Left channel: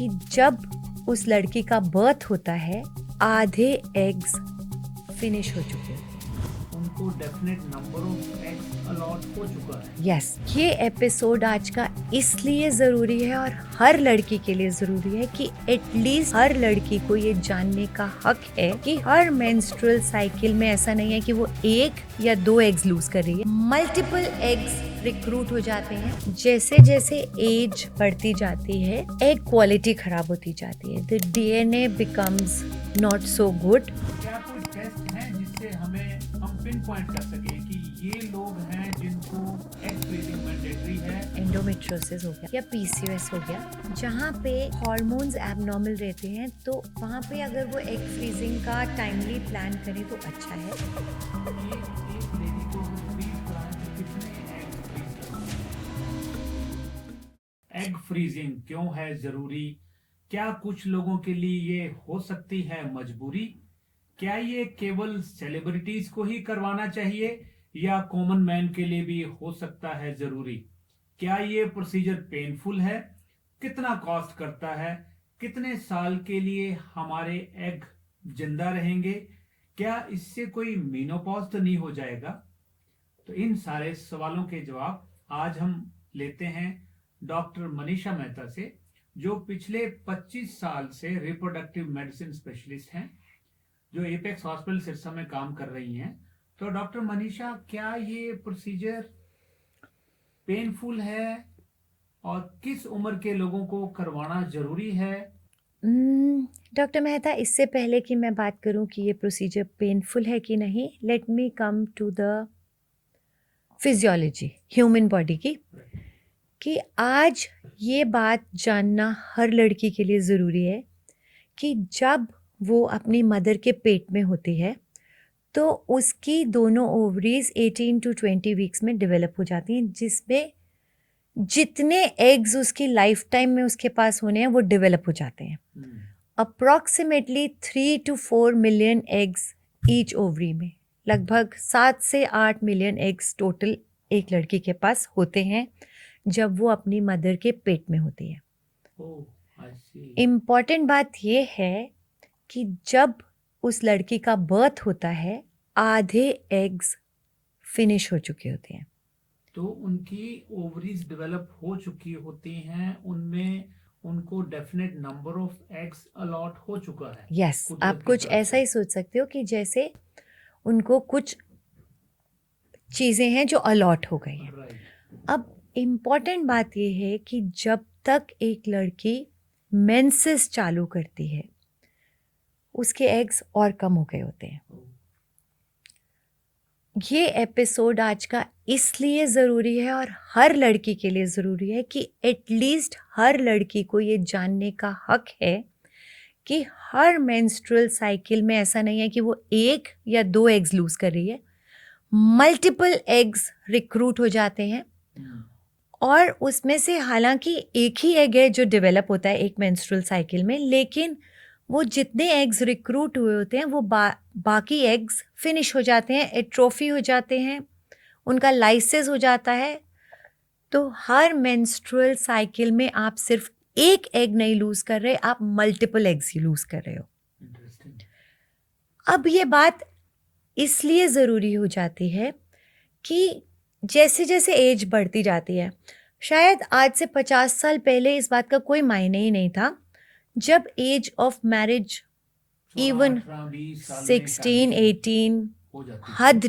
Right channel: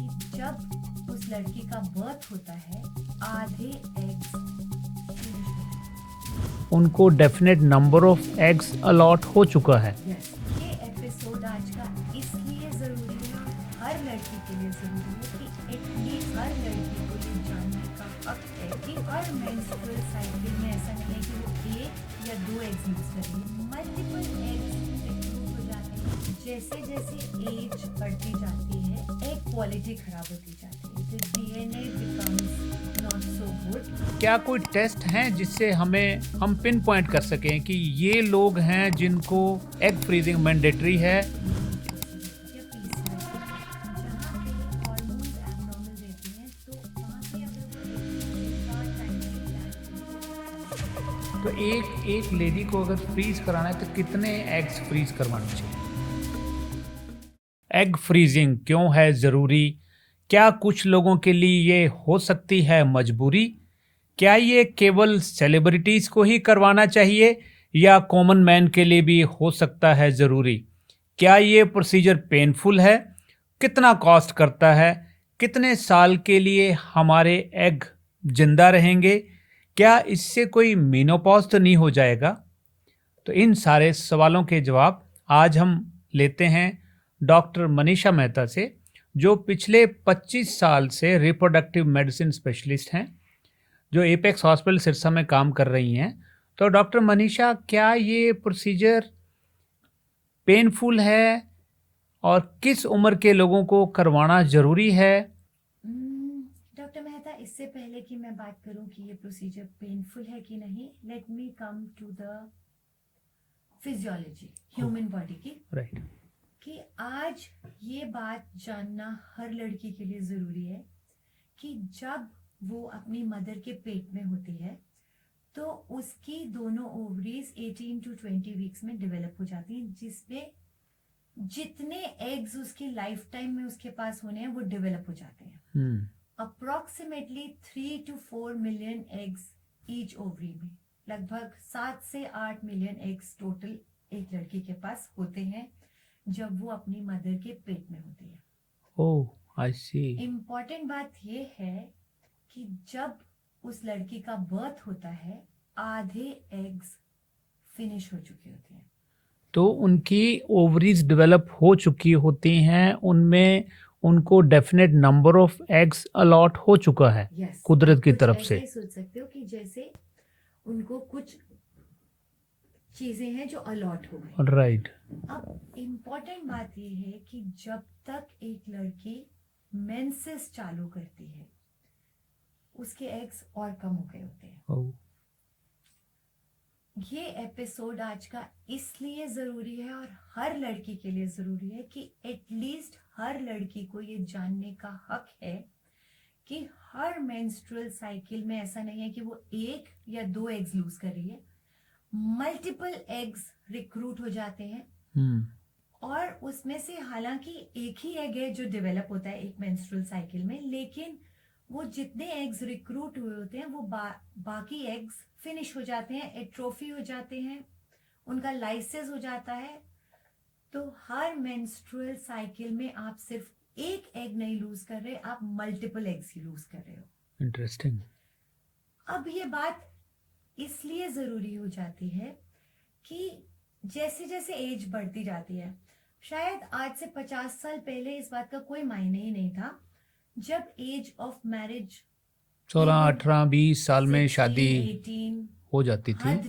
कि जब उस लड़की का बर्थ होता है आधे एग्स फिनिश हो चुके हैं। उनको definite number of eggs allot हो चुका है। यस, ये एपिसोड आज का इसलिए ज़रूरी है और हर लड़की के लिए ज़रूरी है कि एटलीस्ट हर लड़की को ये जानने का हक है कि हर मेंस्ट्रुअल साइकिल में ऐसा नहीं है कि वो 1 या 2 एग्स लूज कर रही है, मल्टीपल एग्स रिक्रूट हो जाते हैं। जैसे जैसे एज बढ़ती जाती है एग क्वालिटी खराब होती जाती है, the DNA becomes not so good. क्या कोई टेस्ट हैं जिससे हम पिन पॉइंट कर सकें कि ये लोग हैं जिनको एग फ्रीजिंग मैंडेटरी है? एंडोमेट्रियोसिस हो गया या पीसीओएस हो गया, जहाँ पे हार्मोन्स एबनॉर्मल रहते हैं, तो वहाँ पे अगर वो एग फ्रीजिंग का टाइमली प्लान करें तो अच्छा है। तो एक लेडी को अगर फ्रीज कराना है तो कितने एग्स फ्रीज करवाने चाहिए? एग फ्रीजिंग क्यों है ज़रूरी? क्या कुछ लोगों के लिए ये हो सकती है मजबूरी? क्या ये केवल सेलिब्रिटीज़ को ही करवाना चाहिए या कॉमन मैन के लिए भी हो सकता है ज़रूरी? क्या ये प्रोसीजर पेनफुल है? कितना कॉस्ट करता है? कितने साल के लिए हमारे एग जिंदा रहेंगे? क्या इससे कोई मेनोपॉज तो नहीं हो जाएगा? तो इन सारे सवालों के जवाब आज हम लेते हैं डॉक्टर मनीषा मेहता से, जो पिछले 25 साल से रिप्रोडक्टिव मेडिसिन स्पेशलिस्ट हैं, जो एपेक्स हॉस्पिटल सिरसा में काम कर रही हैं। तो डॉक्टर मनीषा, क्या ये प्रोसीजर पेनफुल है और किस उम्र के लोगों को करवाना ज़रूरी है? डॉक्टर मेहता, इससे पहले कि मैं बात करूं कि ये प्रोसीजर पेनफुल है कि नहीं, let me come to the physiology human body की, राइट। कि आज ये बात जानना हर लड़की के लिए ज़रूरी है कि जब वो अपनी मदर के पेट में होती है तो उसकी दोनों ओवरीज 18 to 20 वीक्स में डेवलप हो जाती हैं, जिसमें जितने एग्स उसकी लाइफ टाइम में उसके पास होने हैं वो डेवलप हो जाते हैं। Approximately 3 to 4 million eggs each ovary में, लगभग 7 से 8 मिलियन एग्स टोटल एक लड़की के पास होते हैं जब वो अपनी मदर के पेट में होती है। ओह, आई सी। इम्पॉर्टेंट बात ये है कि जब उस लड़की का बर्थ होता है आधे एग्स फिनिश हो चुके होते हैं। तो उनकी ओवरीज डेवलप हो चुकी होती हैं, उनमें उनको definite number of eggs allot हो चुका है यस, कुदरत आप की कुछ तरफ ऐसा से। ही सोच सकते हो कि जैसे उनको कुछ चीज़ें हैं जो अलॉट हो गई। राइट। अब इम्पॉर्टेंट बात ये है कि जब तक एक लड़की मेंसेस चालू करती है उसके एग्स और कम हो गए होते हैं। ये एपिसोड आज का इसलिए ज़रूरी है और हर लड़की के लिए ज़रूरी है कि एटलीस्ट हर लड़की को ये जानने का हक है कि हर मेंस्ट्रुअल साइकिल में ऐसा नहीं है कि वो 1 या 2 एग्स लूज कर रही है, मल्टीपल एग्स रिक्रूट हो जाते हैं। और उसमें से हालांकि एक ही एग है जो डेवलप होता है एक मेंस्ट्रुअल साइकिल में, लेकिन वो जितने एग्स रिक्रूट हुए होते हैं वो बाकी एग्स फिनिश हो जाते हैं, एट्रोफी हो जाते हैं, उनका लाइसिस हो जाता है। तो हर मेंस्ट्रुअल साइकिल में आप सिर्फ एक एग नहीं लूज कर रहे, आप मल्टीपल एग्स ही लूज कर रहे हो। इंटरेस्टिंग। अब ये बात इसलिए ज़रूरी हो जाती है कि जैसे जैसे एज बढ़ती जाती है, शायद आज से 50 साल पहले इस बात का कोई मायने ही नहीं था, जब एज ऑफ मैरिज 16, इवन 18, 20 साल में 16, शादी 18, हो जाती थी। हद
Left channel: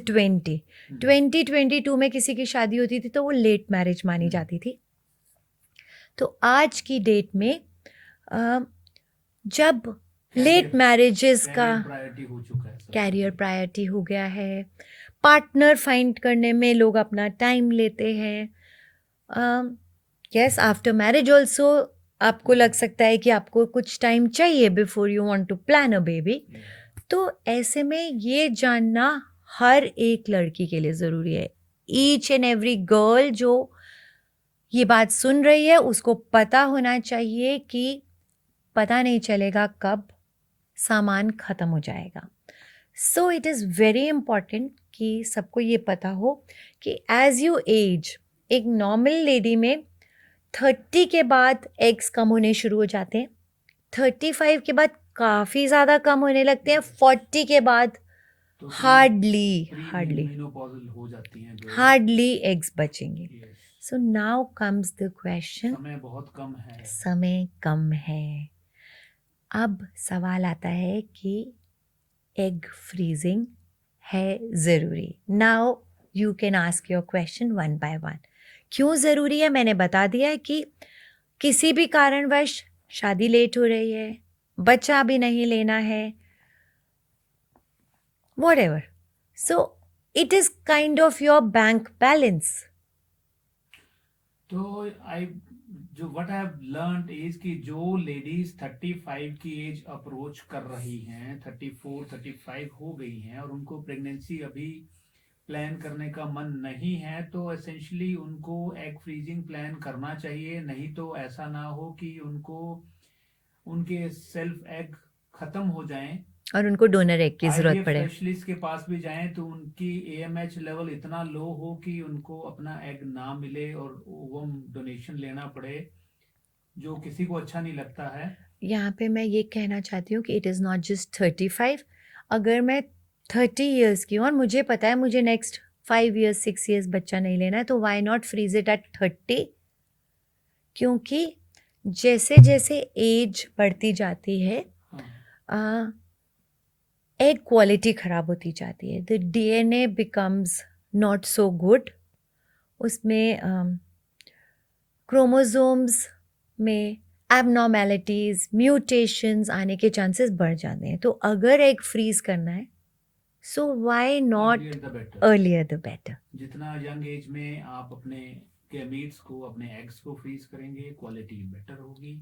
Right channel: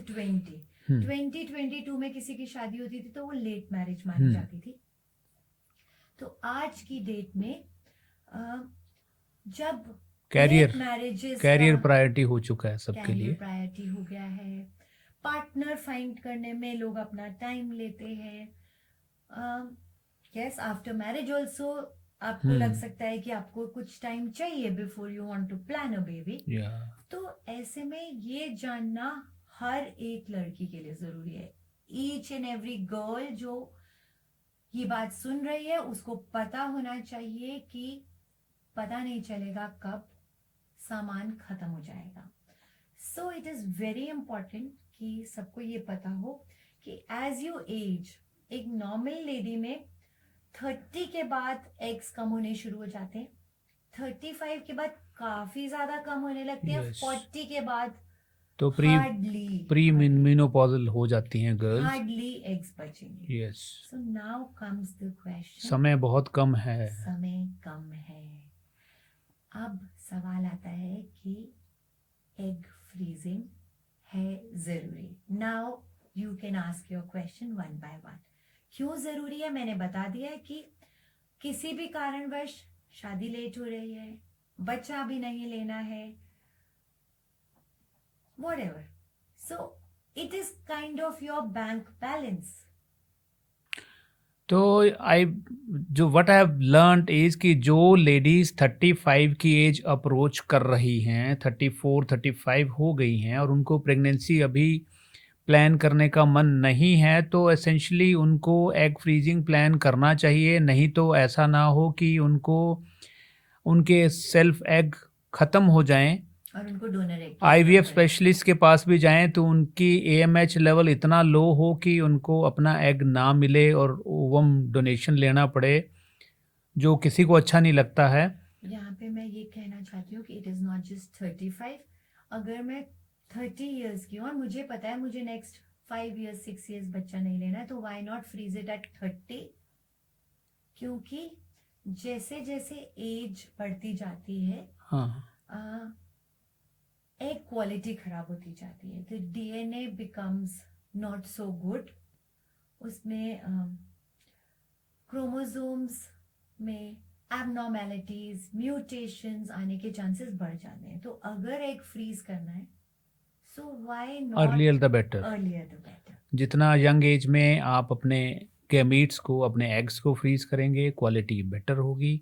2022 में किसी की शादी होती थी तो वो लेट मैरिज मानी जाती थी। तो आज की डेट में जब लेट मैरिजेस का कैरियर प्रायोरिटी हो चुका है सबके कैरियर लिए। प्रायोरिटी हो गया है, पार्टनर फाइंड करने में लोग अपना टाइम लेते हैं। यस, आफ्टर मैरिज ऑल्सो आपको लग सकता है कि आपको कुछ टाइम चाहिए before you want to plan a baby. तो ऐसे में ये जानना हर एक लड़की के लिए ज़रूरी है। ईच एंड एवरी गर्ल जो ये बात सुन रही है उसको पता होना चाहिए कि पता नहीं चलेगा कब सामान ख़त्म हो जाएगा। So it is very important कि सबको ये पता हो कि एज यू एज, एक नॉर्मल लेडी में 30 के बाद एग्स कम होने शुरू हो जाते हैं, 35 के बाद काफी ज्यादा कम होने लगते हैं, Yes. 40 के बाद तो हार्डली प्री-मेनोपॉजल हो जाती हैं गर्ल्स। हार्डली एग्स बचेंगे। Yes, so now comes the question, समय बहुत कम है। समय कम है। अब सवाल आता है कि एग फ्रीजिंग है ज़रूरी? Now you can ask your question one by one. क्यों ज़रूरी है मैंने बता दिया है कि किसी भी कारणवश शादी लेट हो रही है, बच्चा भी नहीं लेना है, whatever. So it is kind of your bank balance. तो what I have learned is कि जो लेडीज 35 की एज अप्रोच कर रही हैं, 34 35 हो गई हैं और उनको प्रेगनेंसी अभी प्लान करने का मन नहीं है, तो एसेंशली उनको एग फ्रीजिंग प्लान करना चाहिए। नहीं तो ऐसा ना हो कि उनके सेल्फ एग ख़त्म हो जाएं, और उनको डोनर एग की जरूरत आईवीएफ पड़े। स्पेशलिस्ट के पास भी जाएं तो उनकी एएमएच लेवल इतना लो हो कि उनको अपना एग ना मिले और ओवम डोनेशन लेना पड़े, जो किसी को अच्छा नहीं लगता है। यहाँ पे मैं ये कहना चाहती हूँ कि इट इज़ नॉट जस्ट 35। अगर मैं 30 ईयर्स की हूँ और मुझे पता है मुझे नेक्स्ट 5 ईयर्स 6 ईयर्स बच्चा नहीं लेना है, तो why not freeze it at 30? क्योंकि जैसे जैसे एज बढ़ती जाती है, हाँ, एग क्वालिटी ख़राब होती जाती है। The DNA becomes not so good. उसमें क्रोमोसोम्स में एबनॉर्मेलिटीज़, म्यूटेशंस आने के चांसेस बढ़ जाते हैं। तो अगर एग फ्रीज करना है, so why not earlier the better. Earlier the better. जितना यंग एज में आप अपने गैमीट्स को, अपने एग्स को फ्रीज करेंगे, क्वालिटी बेटर होगी।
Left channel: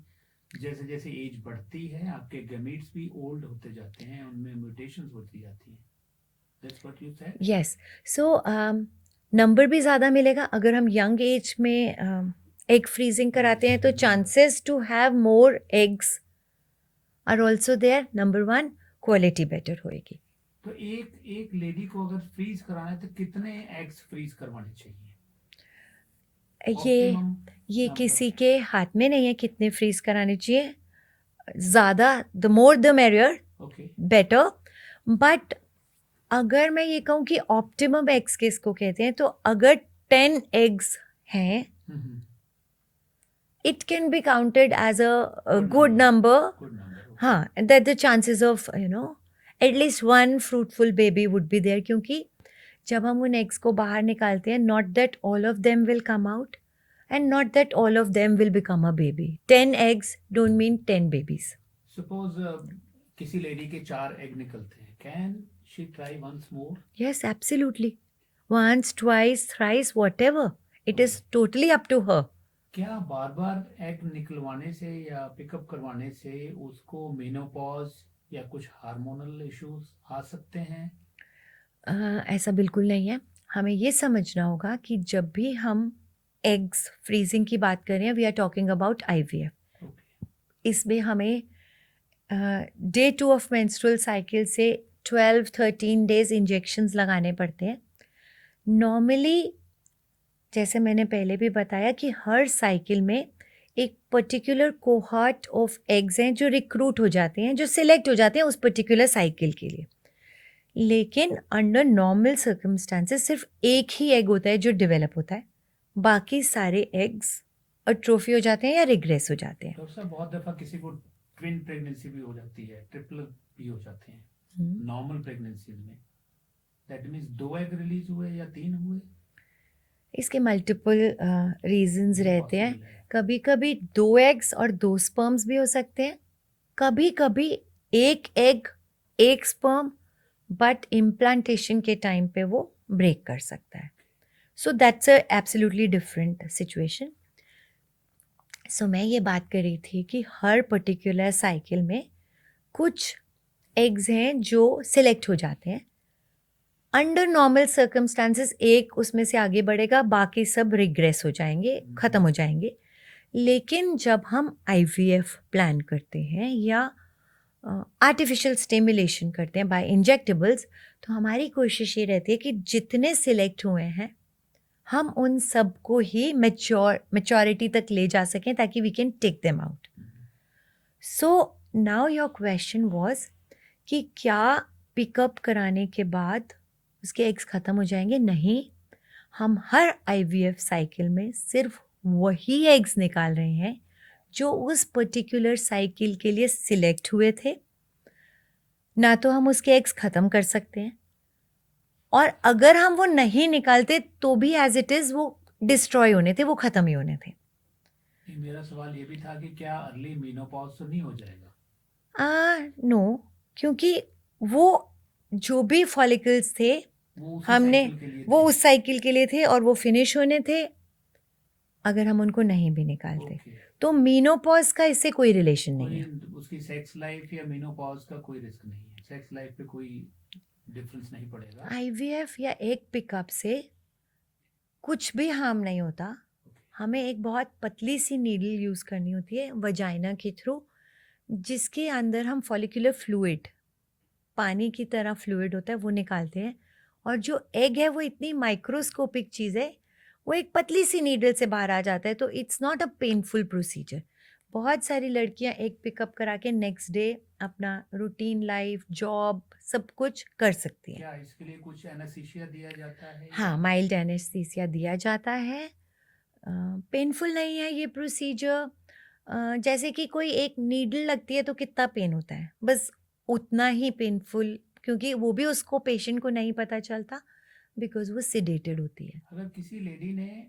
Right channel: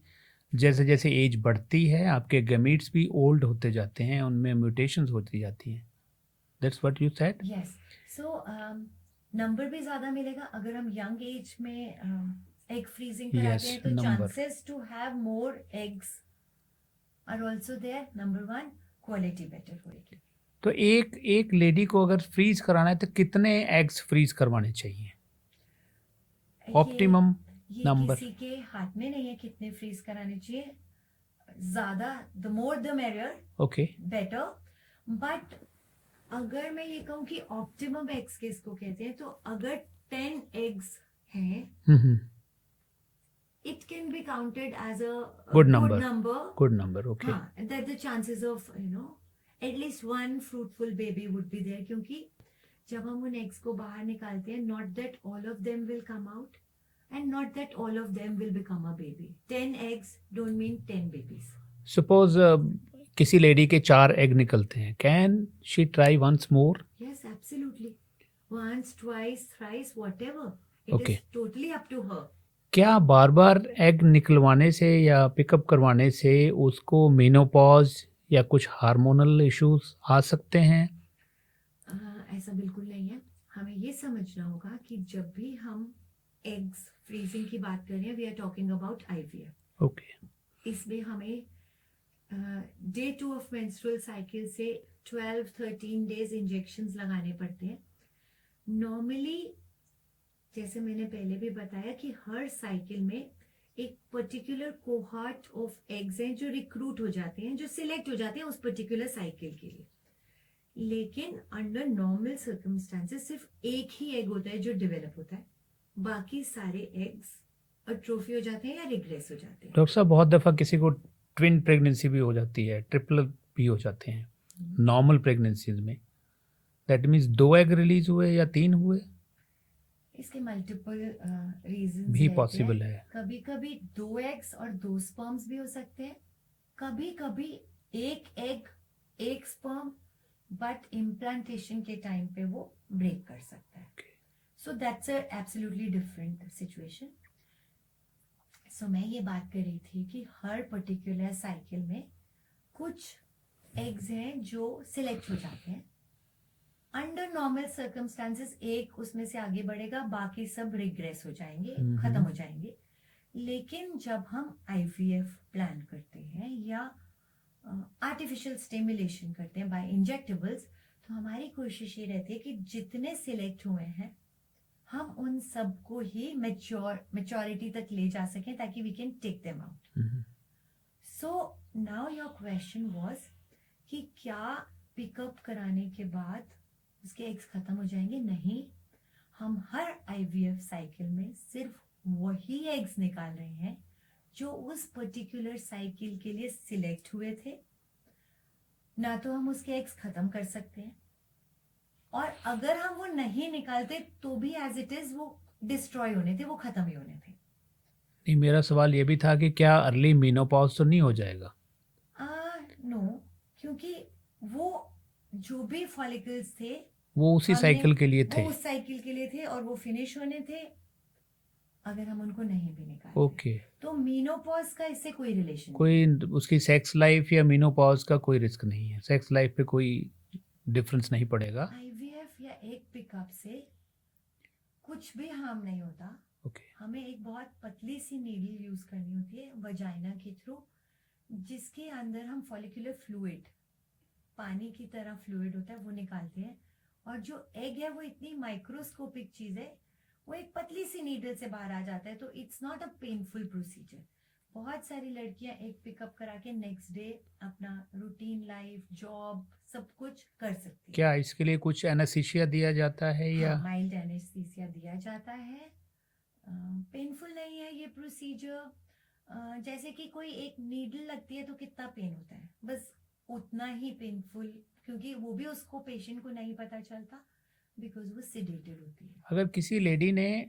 जैसे जैसे एज बढ़ती है आपके गैमीट्स भी ओल्ड होते जाते हैं, उनमें म्यूटेशंस होती जाती हैं। That's what you said. Yes, so number भी ज़्यादा मिलेगा अगर हम यंग एज में एग फ्रीजिंग कराते Yes, हैं, तो number. Chances to have more eggs are also there. Number one, quality better होएगी। तो एक लेडी को अगर फ्रीज कराना है तो कितने एग्स फ्रीज करवाने चाहिए? ऑप्टिमम ये नंबर। किसी के हाथ में नहीं है कितने फ्रीज कराने चाहिए। ज़्यादा, the more the merrier, okay, better. But अगर मैं ये कहूँ कि ऑप्टिमम एग्स किसको कहते हैं, तो अगर 10 एग्स हैं, it can be counted as a good number. Good number, okay. हाँ, that the chances of at least one fruitful baby would be there. क्योंकि जब हम उन एग्स को बाहर निकालते हैं, not that all of them will come out and not that all of them will become a baby. 10 eggs don't mean 10 babies. Suppose किसी lady के 4 एग निकलते हैं, can she try once more? Yes, absolutely. Once, twice, thrice, whatever. It Okay. is totally up to her. क्या बार बार egg निकलवाने से या pickup करवाने से उसको मेनोपॉज या कुछ हार्मोनल इश्यूज आ सकते हैं? ऐसा बिल्कुल नहीं है। हमें ये समझना होगा कि जब भी हम एग्स फ्रीजिंग की बात कर रहे हैं, we are talking about IVF। Okay, इसमें हमें डे 2 ऑफ मेंस्ट्रुअल साइकिल से 12-13 डेज इंजेक्शंस लगाने पड़ते हैं। नॉर्मली, जैसे मैंने पहले भी बताया कि हर साइकिल में एक पर्टिकुलर कोहॉर्ट ऑफ एग्स हैं जो रिक्रूट हो जाते हैं, जो सिलेक्ट हो जाते हैं उस पर्टिकुलर साइकिल के लिए। लेकिन अंडर नॉर्मल सर्कमस्टांसेस सिर्फ एक ही एग होता है जो डेवलप होता है, बाकी सारे एग्स अट्रोफी हो जाते हैं या रिग्रेस हो जाते हैं। डॉक्टर साहब बहुत दफ़ा किसी को ट्विन प्रेगनेंसी भी हो जाती है, ट्रिपल भी हो जाते हैं नॉर्मल प्रेगनेंसीज में। दैट मीन्स 2 एग रिलीज हुए या 3 हुए? इसके मल्टीपल रीजंस भी रहते पॉसिबल हैं। है। कभी कभी 2 एग्स और 2 स्पर्म्स भी हो सकते हैं, कभी कभी 1 एग 1 स्पर्म, बट इम्प्लांटेशन के टाइम पे वो ब्रेक कर सकता है। So that's a absolutely different situation. So मैं ये बात कर रही थी कि हर पर्टिकुलर साइकिल में कुछ एग्स हैं जो सिलेक्ट हो जाते हैं। अंडर नॉर्मल सर्कमस्टांसेस एक उसमें से आगे बढ़ेगा, बाकी सब रिग्रेस हो जाएंगे, ख़त्म हो जाएंगे। लेकिन जब हम IVF प्लान करते हैं या आर्टिफिशियल स्टिमुलेशन करते हैं बाय इंजेक्टेबल्स, तो हमारी कोशिश ये रहती है कि जितने सिलेक्ट हुए हैं हम उन सबको ही मैच्योरिटी तक ले जा सकें ताकि we can take them out. So now your question was कि क्या पिकअप कराने के बाद उसके एग्स ख़त्म हो जाएंगे? नहीं, हम हर आईवीएफ साइकिल में सिर्फ वही एग्स निकाल रहे हैं जो उस पर्टिकुलर साइकिल के लिए सिलेक्ट हुए थे। ना तो हम उसके एग्स ख़त्म कर सकते हैं, और अगर हम वो नहीं निकालते तो भी एज इट इज़ वो डिस्ट्रॉय होने थे, वो ख़त्म ही होने थे। नहीं, मेरा सवाल ये भी था कि क्या अर्ली मेनोपॉज तो नहीं हो जाएगा? नो, क्योंकि वो जो भी फॉलिकल्स थे वो उसी हमने साइकिल के लिए वो थे। उस साइकिल के लिए थे और वो फिनिश होने थे अगर हम उनको नहीं भी निकालते। ओके। तो मीनोपॉज का इससे कोई रिलेशन नहीं कोई है। उसकी सेक्स लाइफ या मेनोपॉज का कोई रिस्क नहीं है, सेक्स लाइफ पे कोई डिफरेंस नहीं पड़ेगा। आईवीएफ या एग पिकअप से कुछ भी हार्म नहीं होता। ओके। हमें एक बहुत पतली सी नीडल यूज़ करनी होती है वजाइना के थ्रू, जिसके अंदर हम फॉलिकुलर फ्लूइड, पानी की तरह फ्लूइड होता है, वो निकालते हैं। और जो एग है वो इतनी माइक्रोस्कोपिक चीज़ है, वो एक पतली सी नीडल से बाहर आ जाता है, तो it's not a painful procedure. बहुत सारी लड़कियां एग पिकअप करा के नेक्स्ट डे अपना रूटीन लाइफ, जॉब, सब कुछ कर सकती हैं। क्या इसके लिए कुछ एनेस्थीसिया दिया जाता है हाँ, या? माइल्ड एनेस्थीसिया दिया जाता है। पेनफुल नहीं है ये प्रोसीजर। जैसे कि कोई एक नीडल लगती है तो कितना पेन होता है, बस उतना ही पेनफुल, क्योंकि वो भी उसको पेशेंट को नहीं पता चलता बिकॉज वो सिडेटेड होती है। अगर किसी लेडी ने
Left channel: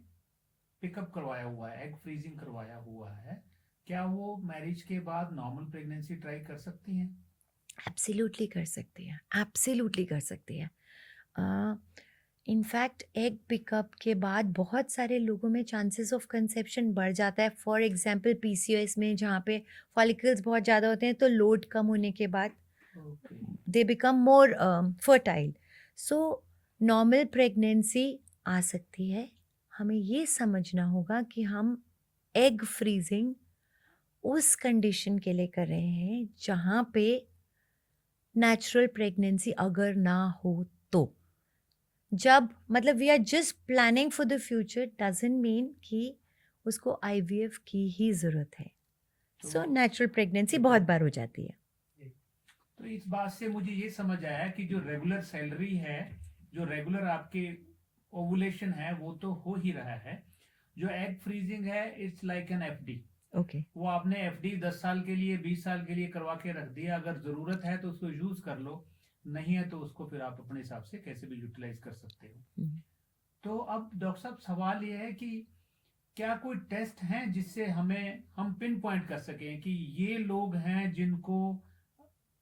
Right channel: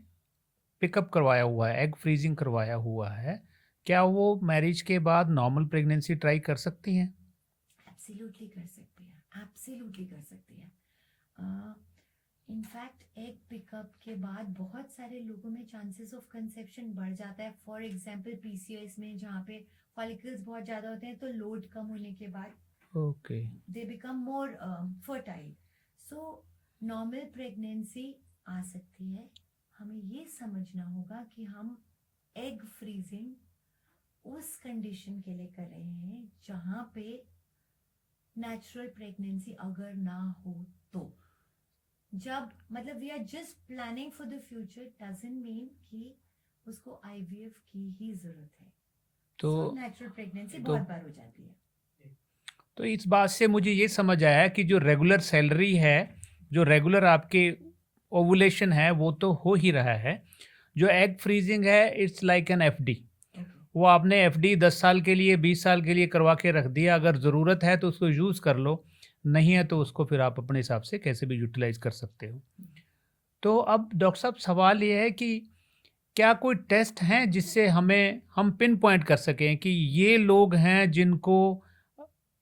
पिकअप करवाया हुआ है, एग फ्रीजिंग करवाया हुआ है, क्या वो मैरिज के बाद नॉर्मल प्रेगनेंसी ट्राई कर सकती हैं? एब्सोल्युटली कर सकती है, एब्सोल्युटली कर सकती है। इनफैक्ट एग पिकअप के बाद बहुत सारे लोगों में चांसेस ऑफ कंसेप्शन बढ़ जाता है। फॉर एग्जांपल पीसीओएस में, जहाँ पे फॉलिकल्स बहुत ज़्यादा होते हैं, तो लोड कम होने के बाद okay. They become more fertile. So normal pregnancy आ सकती है। हमें ये समझना होगा कि हम एग फ्रीजिंग उस कंडीशन के लिए कर रहे हैं जहाँ पे नेचुरल प्रेगनेंसी अगर ना हो तो। जब मतलब we are just planning for the future doesn't mean कि उसको आईवीएफ की ही ज़रूरत है। तो सो नेचुरल प्रेगनेंसी तो बहुत बार हो जाती है। तो इस बात से मुझे ये समझ आया कि जो रेगुलर सैलरी है, जो रेगुलर आपके ओवुलेशन है, वो तो हो ही रहा है। जो एग फ्रीजिंग है, it's like an FD. Okay. वो आपने एफडी 10 साल के लिए, 20 साल के लिए करवा के रख दिया। अगर ज़रूरत है तो उसको यूज़ कर लो, नहीं है तो उसको फिर आप अपने हिसाब से कैसे भी यूटिलाइज कर सकते हो। तो अब डॉक्टर साहब, सवाल ये है कि क्या कोई टेस्ट हैं जिससे हम पिन पॉइंट कर सकें कि ये लोग हैं जिनको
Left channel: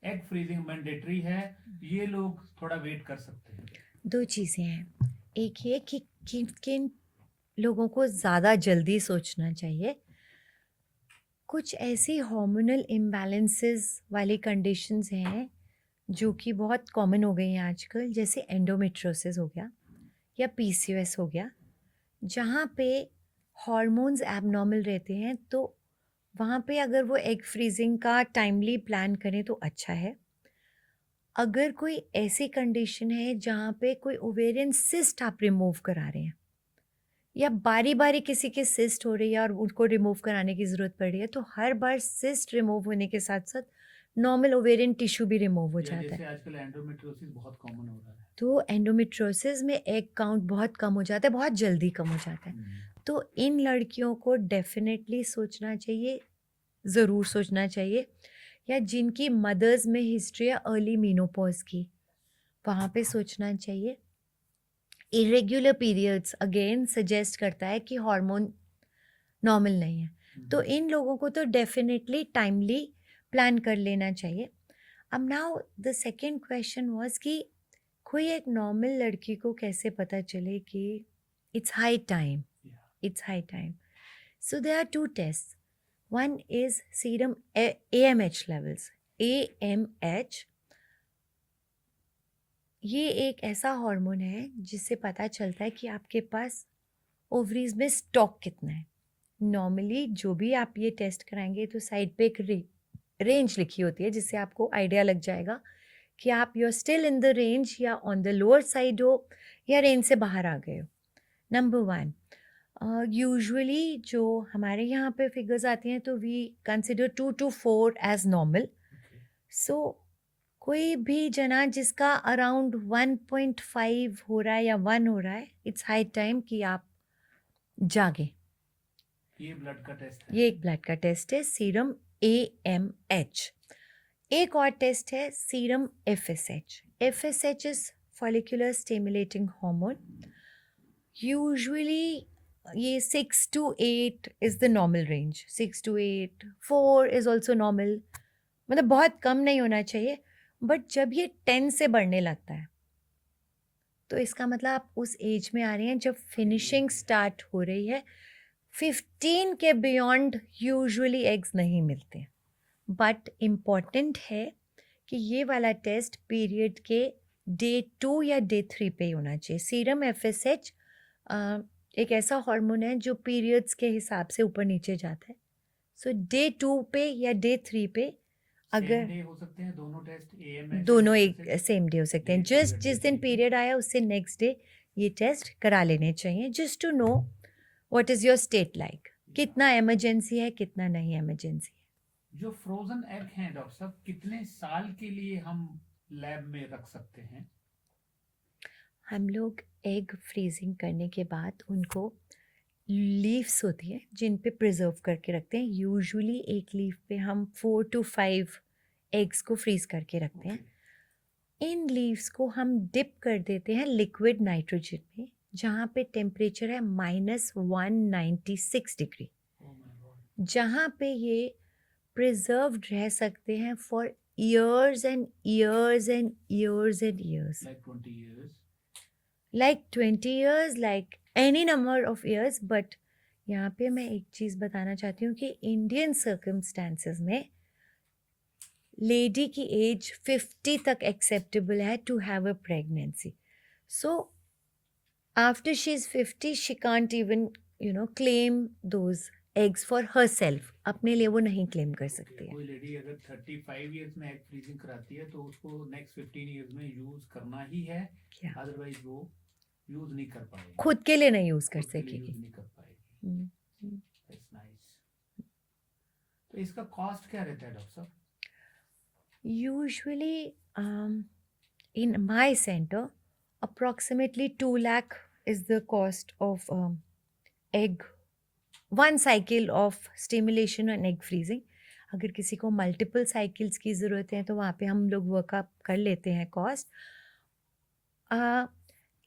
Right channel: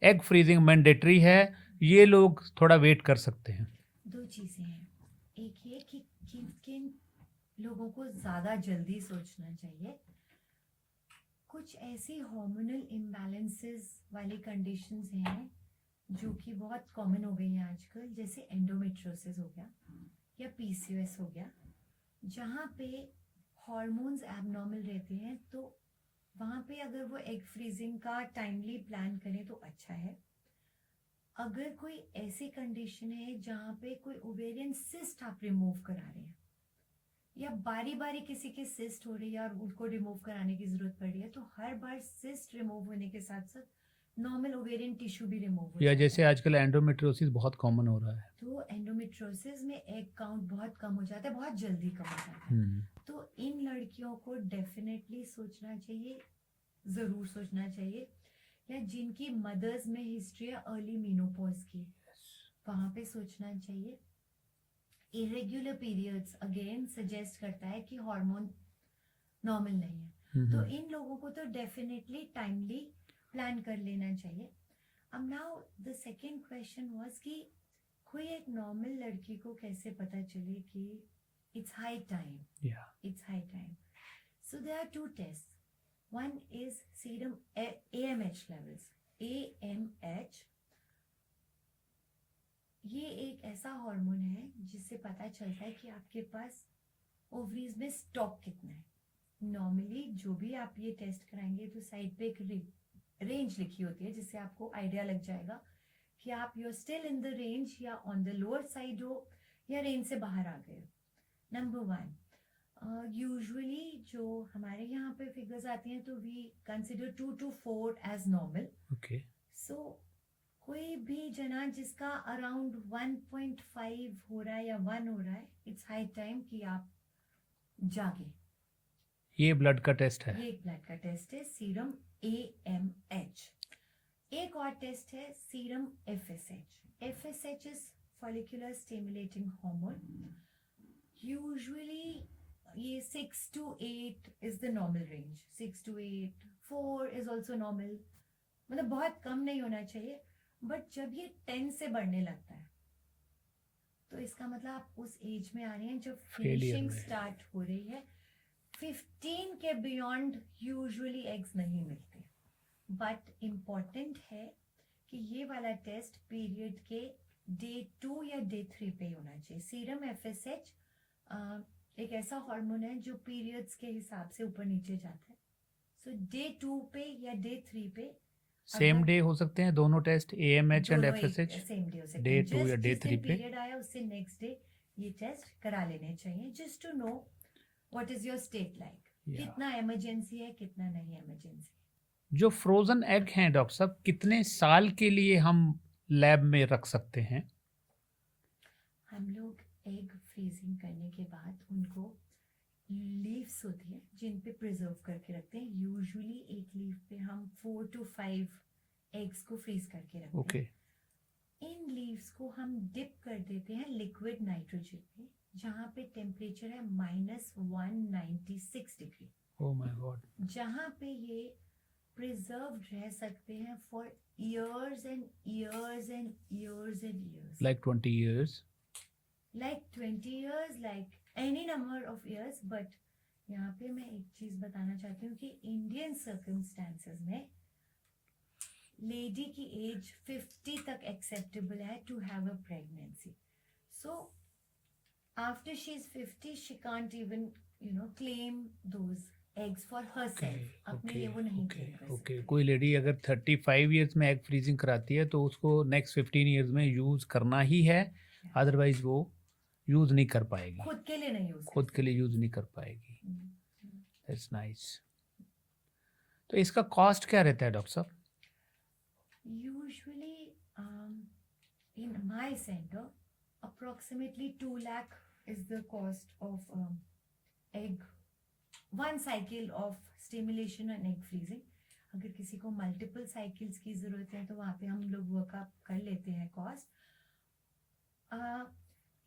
एग फ्रीजिंग मैंडेटरी है, ये लोग थोड़ा वेट कर सकते हैं? दो चीज़ें हैं। एक ये कि किन किन लोगों को ज़्यादा जल्दी सोचना चाहिए। कुछ ऐसी हार्मोनल इम्बैलेंसेस वाली कंडीशंस हैं जो कि बहुत कॉमन हो गई हैं आजकल, जैसे एंडोमेट्रोसिस हो गया या पीसीओएस हो गया, जहाँ पे हॉर्मोन्स एबनॉर्मल रहते हैं। तो वहाँ पे अगर वो एग फ्रीजिंग का टाइमली प्लान करें तो अच्छा है। अगर कोई ऐसी कंडीशन है जहाँ पे कोई ओवेरियन सिस्ट आप रिमूव करा रहे हैं, या बारी बारी किसी की सिस्ट हो रही है और उनको रिमूव कराने की ज़रूरत पड़ रही है, तो हर बार सिस्ट रिमूव होने के साथ साथ नॉर्मल ओवेरियन टिश्यू भी रिमूव हो या जाता जैसे है। आजकल एंडोमेट्रोसिस बहुत कॉमन हो रहा है। तो एंडोमेट्रोसिस में एग काउंट बहुत कम हो जाता है, बहुत जल्दी कम हो जाता है। तो इन लड़कियों को डेफिनेटली सोचना चाहिए, ज़रूर सोचना चाहिए, या जिनकी मदर्स में हिस्ट्री है अर्ली मीनोपॉज की, वहाँ पे सोचना चाहिए। इरेग्युलर पीरियड्स अगेन सजेस्ट करता है कि हार्मोन नॉर्मल नहीं है, तो इन लोगों को तो डेफिनेटली टाइमली प्लान कर लेना चाहिए। अब now the second question was कि कोई एक नॉर्मल लड़की को कैसे पता चले कि it's high time, it's high time. So there are two tests. One is serum AMH levels. AMH ये एक ऐसा हार्मोन है जिससे पता चलता है कि आपके पास ओवरीज में स्टॉक कितना है। नॉर्मली जो भी आप ये टेस्ट कराएंगे तो साइड पे एक रेंज लिखी होती है, जिससे आपको आइडिया लग जाएगा कि आप you are still in the range या ऑन द लोअर साइड हो या रेंज से बाहर आ गए हो। Number one. यूजुअली जो हमारे यहाँ पे फिगर्स आती हैं तो we consider 2 to 4 age normal. Okay so कोई भी जना जिसका अराउंड 1.5 हो रहा है या 1 हो रहा है, इट्स हाई टाइम कि आप जागे. ये ब्लड का टेस्ट है. ये एक ब्लड का टेस्ट है, सीरम AMH. एक और टेस्ट है serum FSH. FSH is follicular stimulating hormone. Usually ये 6 to 8 is the normal range. 6 to 8, 4 is also normal. मतलब बहुत कम नहीं होना चाहिए. बट जब ये 10 से बढ़ने लगता है तो इसका मतलब आप उस एज में आ रहे हैं जब फिनिशिंग है. स्टार्ट हो रही है. 15 के बियॉन्ड यूजुअली एग्स नहीं मिलते. बट इम्पॉर्टेंट है कि ये वाला टेस्ट पीरियड के डे 2 या डे 3 पे ही होना चाहिए. सीरम FSH एक ऐसा हार्मोन है जो पीरियड्स के हिसाब से ऊपर नीचे जाता है. सो डे 2 पे या डे 3 पे सेम अगर डे हो सकते हैं दोनों टेस्ट AMH एंड दोनों एक FSH. सेम डे हो सकते हैं. Day 2 या जस्ट day जिस दिन 3 पे. पीरियड आया उससे नेक्स्ट डे ये टेस्ट करा लेने चाहिए, just to know what is your state like. कितना इमरजेंसी है, कितना नहीं इमरजेंसी है. जो फ्रोजन एग हैं डॉक्टर साहब, कितने साल के लिए हम लैब में रख सकते हैं? हम लोग एग फ्रीजिंग करने के बाद उनको लीव्स होती है जिन पे प्रिजर्व करके रखते हैं. यूजुअली एक लीफ पे हम 4 to 5 एग्स को फ्रीज करके रखते ओके. हैं. इन लीव्स को हम डिप कर देते हैं लिक्विड नाइट्रोजन में, जहाँ पे टेम्परेचर है -196 डिग्री, ओह माय गॉड. जहाँ पे ये प्रिजर्व्ड रह सकते हैं for years and years and years and years. Like 20 years. Like 20 years, like any number of years. But यहाँ पे मैं एक चीज़ बताना चाहती हूँ कि इंडियन सर्कमस्टांसेस में लेडी की एज 50 तक एक्सेप्टेबल है to have a pregnancy. So after she is 50 she can't even claim those eggs for herself. अपने लिए वो नहीं क्लेम कर सकती है. कोई लेडी अगर 35 इयर्स में एग फ्रीजिंग कराती है तो उसको नेक्स्ट 15 इयर्स में यूज करना ही है, अदरवाइज वो यूज नहीं कर पाएगी. खुद के लिए नहीं यूज कर खुद सकती. के लिए यूज नहीं कर पाएगी. That's nice. तो इसका कॉस्ट क्या रहता है डॉक्टर साहब? Usually, in my center, approximately 2 lakh is the cost of egg, one cycle of stimulation and egg freezing. अगर किसी को मल्टीपल साइकिल्स की ज़रूरत है तो वहाँ पे हम लोग वर्कअप कर लेते हैं कॉस्ट.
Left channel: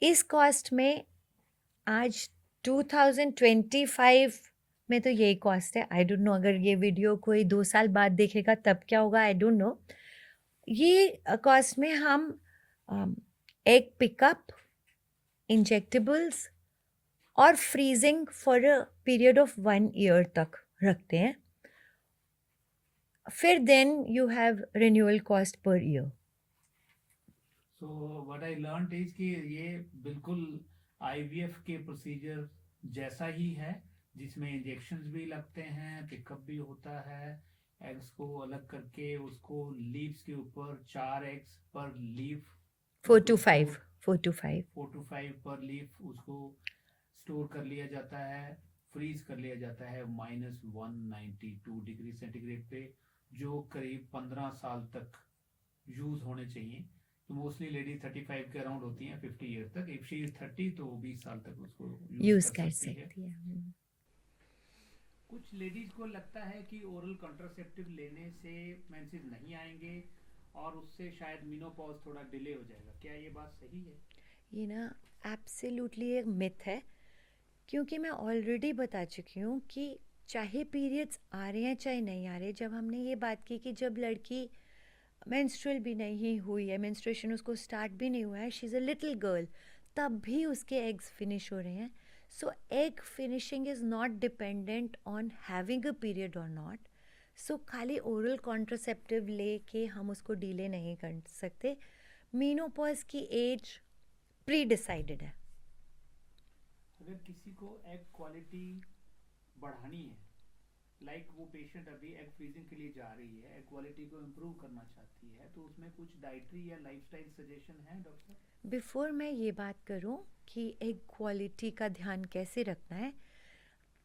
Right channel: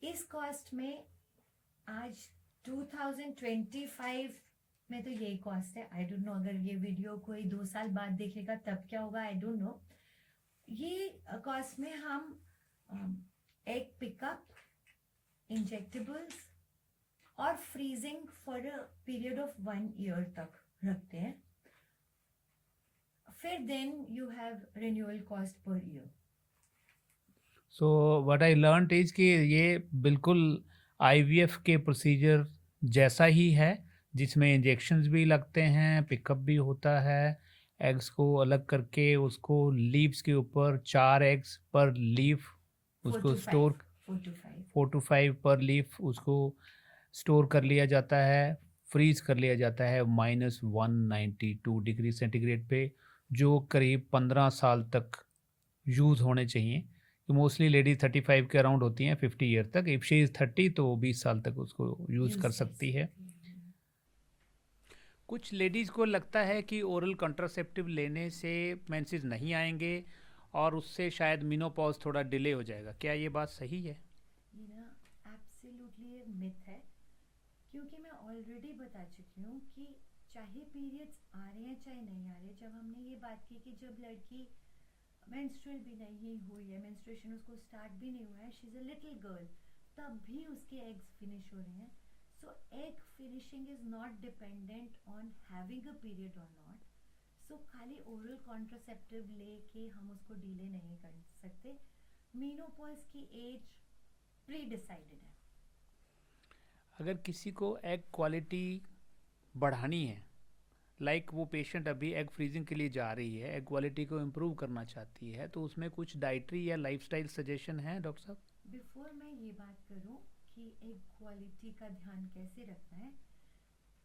इस कॉस्ट में आज 2025 में तो यही कॉस्ट है. आई डोंट नो अगर ये वीडियो कोई 2 साल बाद देखेगा तब क्या होगा, आई डोंट नो. ये कॉस्ट में हम एग पिकअप, इंजेक्टेबल्स और freezing for a period of 1 year तक रखते हैं. फिर then you have renewal cost per year. So what I learned is कि ये बिल्कुल IVF के प्रोसीजर जैसा ही है, जिसमें इंजेक्शंस भी लगते हैं, पिकअप भी होता है. एग्स को अलग करके उसको लीव्स के ऊपर 4 एग्स पर लीफ 4 to 5 पर लीफ उसको स्टोर कर लिया जाता है, फ्रीज कर लिया जाता है -192 डिग्री सेंटीग्रेड पे, जो करीब 15 साल तक यूज़ होने चाहिए. मोस्टली लेडी 35 के अराउंड होती हैं 50 ईयर तक. इफ शी इज़ 30 तो 20 साल तक उसको यूज़ कर सकती है. कुछ लेडीज़ को लगता है कि ओरल कंट्रासेप्टिव लेने से मेंसेस नहीं आएंगे और उससे शायद मेनोपॉज थोड़ा डिले हो जाएगा. क्या ये बात सही है? ये ना एब्सोल्युटली एक मिथ है, क्योंकि मैं ऑलरेडी बता चुकी हूँ कि चाहे पीरियड्स आ रहे हैं चाहे नहीं आ रहे, जब हमने ये बात की कि जब लड़की मेंस्ट्रुअल भी नहीं हुई है, मेंस्ट्रुएशन उसको स्टार्ट भी नहीं हुआ है, she is a little girl, तब भी उसके एग्स फिनिश हो रहे हैं. So egg finishing is not dependent on having a period और नॉट. सो खाली ओरल कॉन्ट्रासेप्टिव लेके हम उसको डिले नहीं कर सकते. मेनोपॉज की एज प्री डिसाइडेड है. अगर किसी को एग क्वालिटी बढ़ानी है, लाइक वो पेशेंट अभी एग फ्रीजिंग के लिए जा रही है, एग क्वालिटी को इम्प्रूव करना चाहती है, तो उसमें कुछ डाइटरी या लाइफस्टाइल सजेशन है डॉक्टर साहब? बिफोर मैं ये बात करूं कि एग क्वालिटी का ध्यान कैसे रखना है,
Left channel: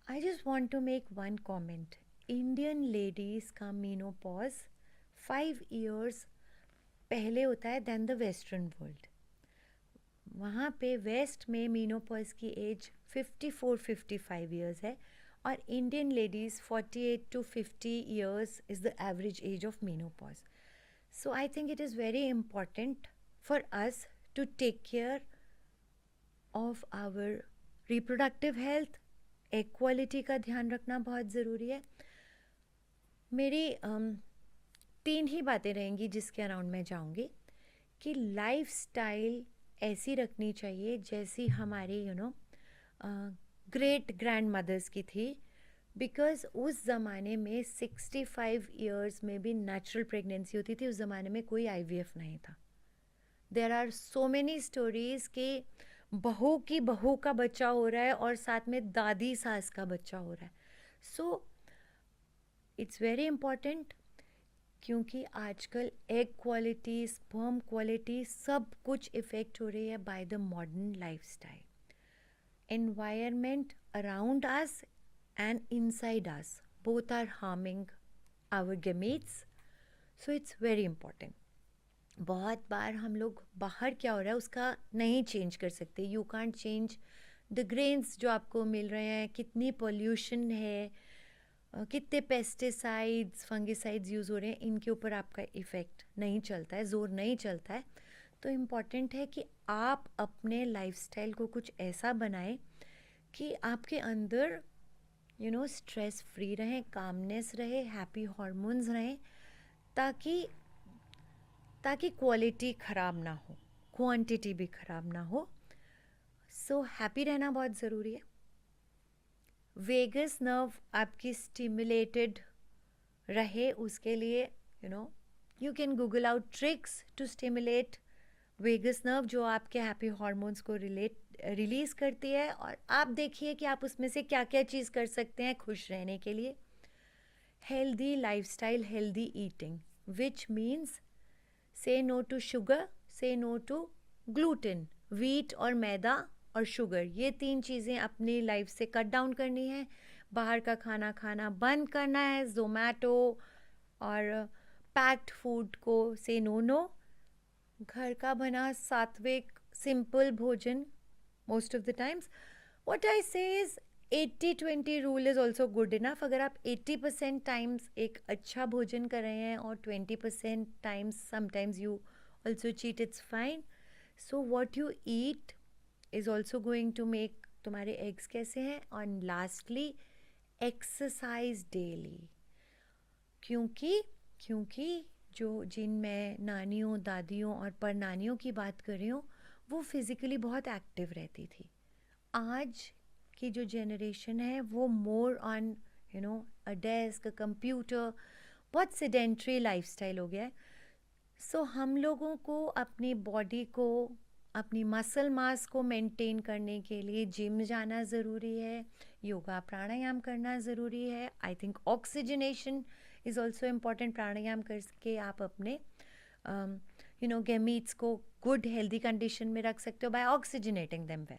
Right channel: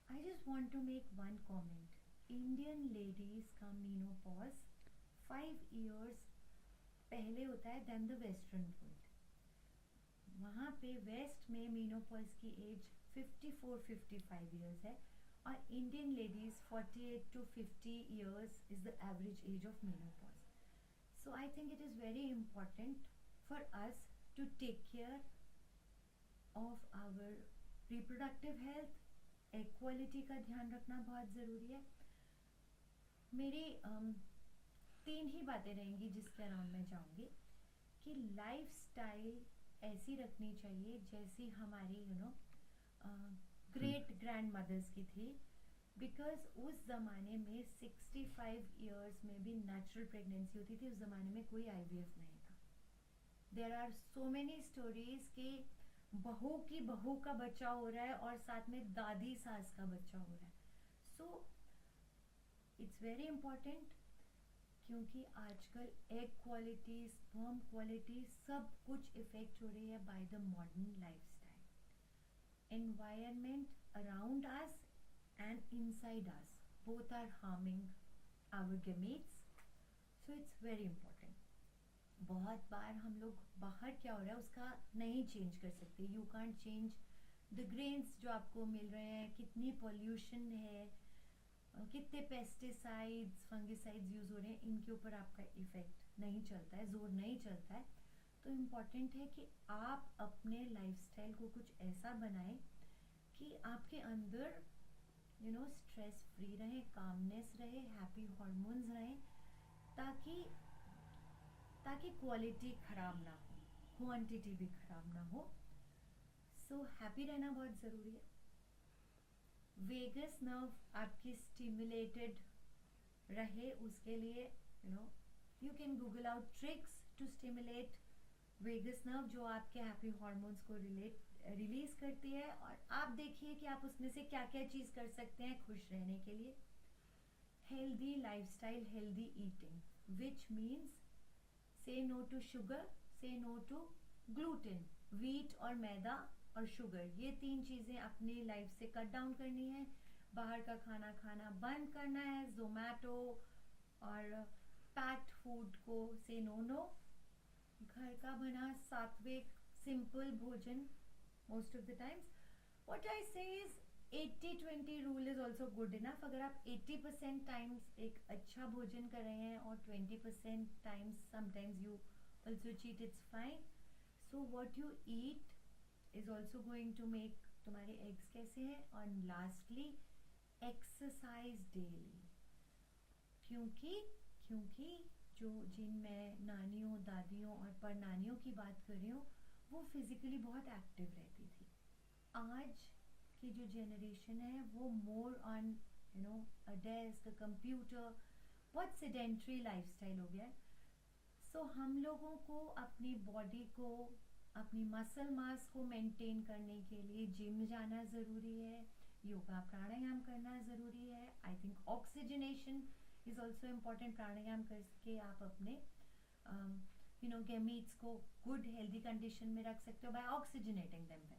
I just want to make one comment. Indian ladies का menopause 5 years पहले होता है than the Western world. वहाँ पे वेस्ट में मीनोपॉज की एज 54-55 ईयर्स है और Indian ladies 48 to 50 years is the average age of menopause. So I think it is very important for us to take care of our reproductive health. Equality का ध्यान रखना बहुत ज़रूरी है. मेरी 3 ही बातें रहेंगी जिसके अराउंड मैं जाऊंगी कि लाइफ स्टाइल ऐसी रखनी चाहिए जैसी हमारी ग्रेट ग्रैंड मदर्स की थी, बिकॉज उस ज़माने में 65 ईयर्स में भी नेचुरल प्रेगनेंसी होती थी. उस ज़माने में कोई IVF नहीं था. There are so many stories कि बहू की बहू का बच्चा हो रहा है और साथ में दादी सास का बच्चा हो रहा है. सो इट्स वेरी इम्पॉर्टेंट, क्योंकि आजकल एग क्वालिटी, स्पर्म क्वालिटी सब कुछ इफ़ेक्ट हो रही है by the modern lifestyle. Environment around us and inside us both are harming our gametes. So it's very important. बहुत बार हम लोग बाहर क्या हो रहा है उसका नहीं चेंज कर सकते. You can't change the grains जो आपको मिल रहे हैं, कितनी पोल्यूशन है, कितने पेस्टिसाइड्स फंगिसाइड्स यूज़ हो रहे हैं, इनके ऊपर आपका इफ़ेक्ट नहीं चलता है, ज़ोर नहीं चलता है. तो इम्पॉर्टेंट है कि आप अपने लाइफस्टाइल को कुछ ऐसा बनाएं कि आपके अंदर स्ट्रेस फ्री रहें, कामनेस रहे, हैप्पी हार्मोन्स रहें, ताकि क्वालिटी ख़राब ना हो, क्वांटिटी भी ख़राब ना हो. सो हैप्पी रहना बहुत ज़रूरी है. वेगस नर्व आपकी स्टिमुलेटेड रहे उसके लिए you can google out tricks to stimulate vagus nerve, जो आपके हैप्पी हार्मोन्स को रिलीज़ करती है. और आप देखिए कि आप उसमें से क्या क्या चीज़ कर सकते हैं खुश रहने के लिए. Healthy lifestyle, healthy eating, which means से नो टू शुगर, से नो टू ग्लूटेन, वीट और मैदा और शुगर. ये 3 चीज़ें अपनी लाइफ से कट डाउन करनी है. बाहर का खाना खाना बंद करना है. ज़ोमैटो और पैक्ड फूड को से नो. घर का बना सात्विक सिंपल भोजन most of the times. What I say is 80-20 rule is also good enough. अगर आप 80% टाइम्स एक अच्छा भोजन कर रहे हैं और 20% times sometimes you also cheat, it's fine. So what you eat is also going to make तुम्हारे एग्स कैसे हैं. और लास्टली एक्सरसाइज डेली, क्योंकि जिन मैं नानियों, दादियों और परनानियों की बात कर रही हूँ वो फिज़िकली बहुत एक्टिव रहती थी. आज की जो जनरेशन है वो more on a desk, a computer, बहुत सेडेंट्री लाइफस्टाइल हो गया है. सो हम लोगों को अपनी बॉडी को, अपनी मसल मास को मेंटेन करने के लिए जिम जाना ज़रूरी है, योगा प्राणायाम करना ज़रूरी है. I think oxygenation is also important. Pranayama करके आप अपने गेमीट्स को गुड हेल्दी कंडीशन में रख सकते हो by oxygenating them well.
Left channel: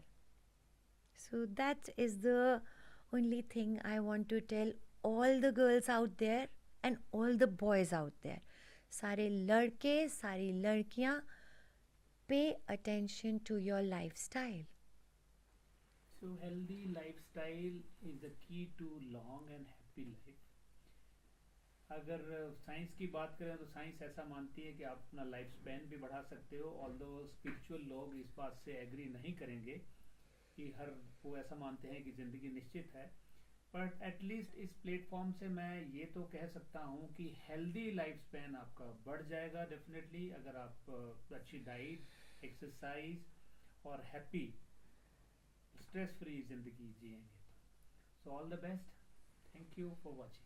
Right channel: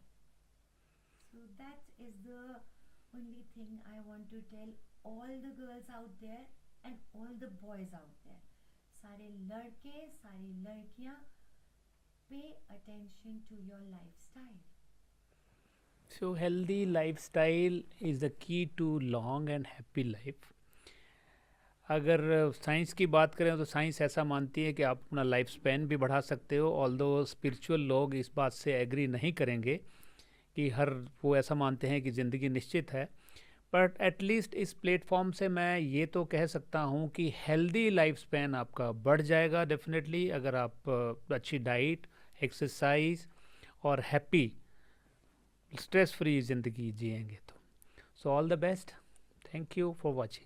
So that is the only thing I want to tell all the girls out there and all the boys out there. सारे लड़के, सारी लड़कियाँ, pay attention to your lifestyle. So healthy lifestyle is the key to long and happy life. अगर science की बात करें तो science ऐसा मानती है कि आप अपना लाइफ स्पैन भी बढ़ा सकते हो. ऑल्दो स्पिरिचुअल लोग इस बात से एग्री नहीं करेंगे कि वो ऐसा मानते हैं कि ज़िंदगी निश्चित है. बट एटलीस्ट इस प्लेटफॉर्म से मैं ये तो कह सकता हूँ कि हेल्दी लाइफ स्पैन आपका बढ़ जाएगा डेफिनेटली, अगर आप अच्छी डाइट, एक्सरसाइज और हैप्पी स्ट्रेस फ्री ज़िंदगी जिएंगे तो. So all the best. Thank you for watching.